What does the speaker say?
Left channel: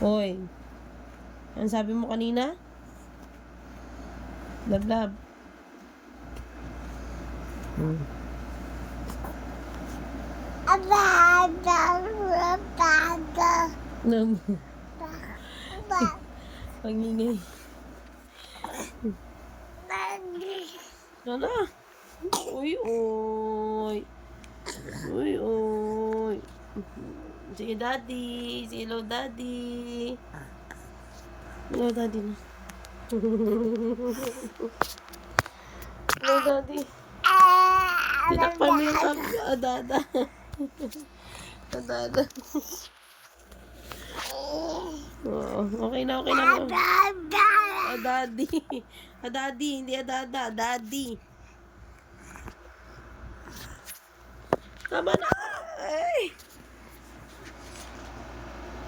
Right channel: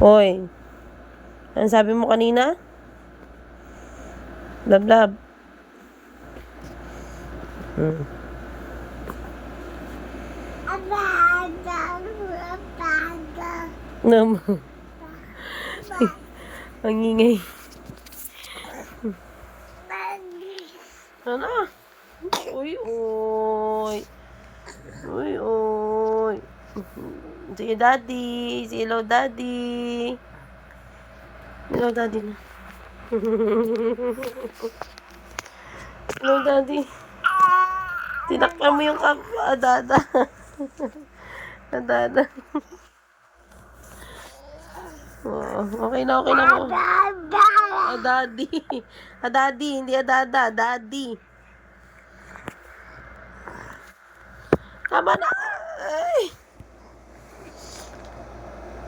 Hoy. Ano sabi mo kanina? Lablab. Naman. Ang ingay. Ano? Uy, uy. Uy, uy. Sige, daddy. Say hello, daddy. Hello, daddy na. Hello, daddy. Tinakpan mo yung adada. Adada. Oo, okay na po. Daddy. Daddy, hindi adada. Daddy. Tama na.